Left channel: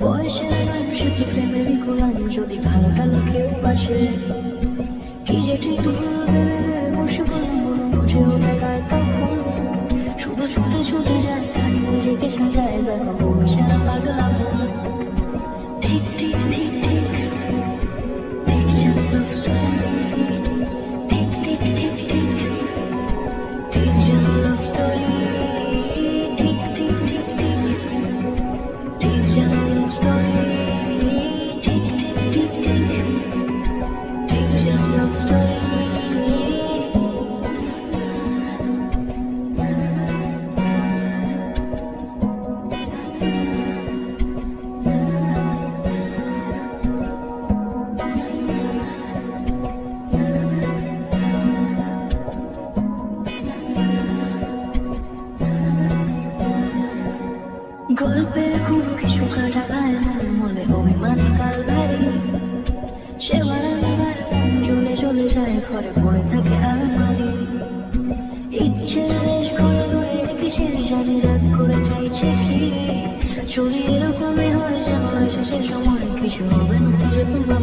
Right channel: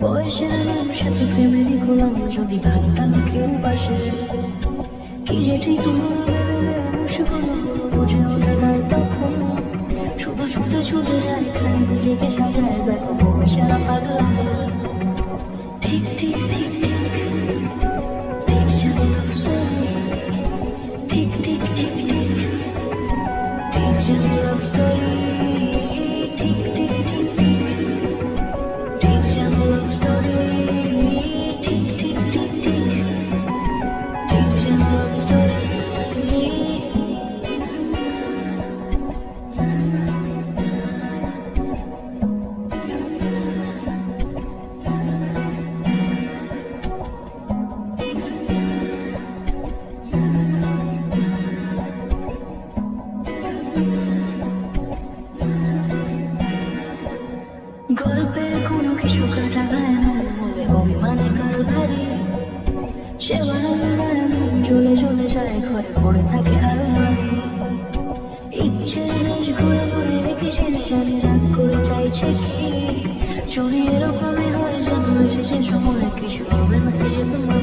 বয়সের নাম সে তো ভেবেরই গোলাম যদি ধানো টানো কেউ বাসে। কি যে ঠিক বসে বুঝে তখন। শুধু ছুটে ছুটে যায় নিজেকে সাজায় দেখো। শেষের কিছু হবে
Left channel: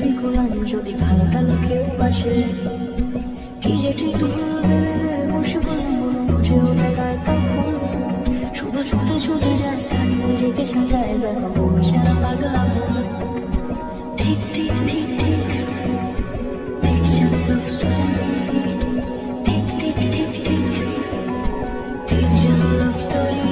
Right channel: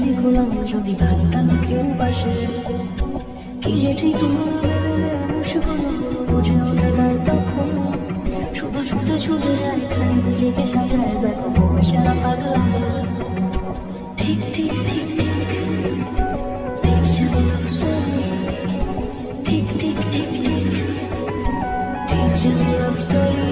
সংসারী গোলাম যদি ভালো টালো কেউ বাসে, কি যে ঠিক বুঝেও না তখন শুধু ছুটে ছুটে যায় খালি নিজেকে সাজায় দেখো বউয়ে সারা পাগল আমার ঠিক ঠিক ঠিক ঠিক Story.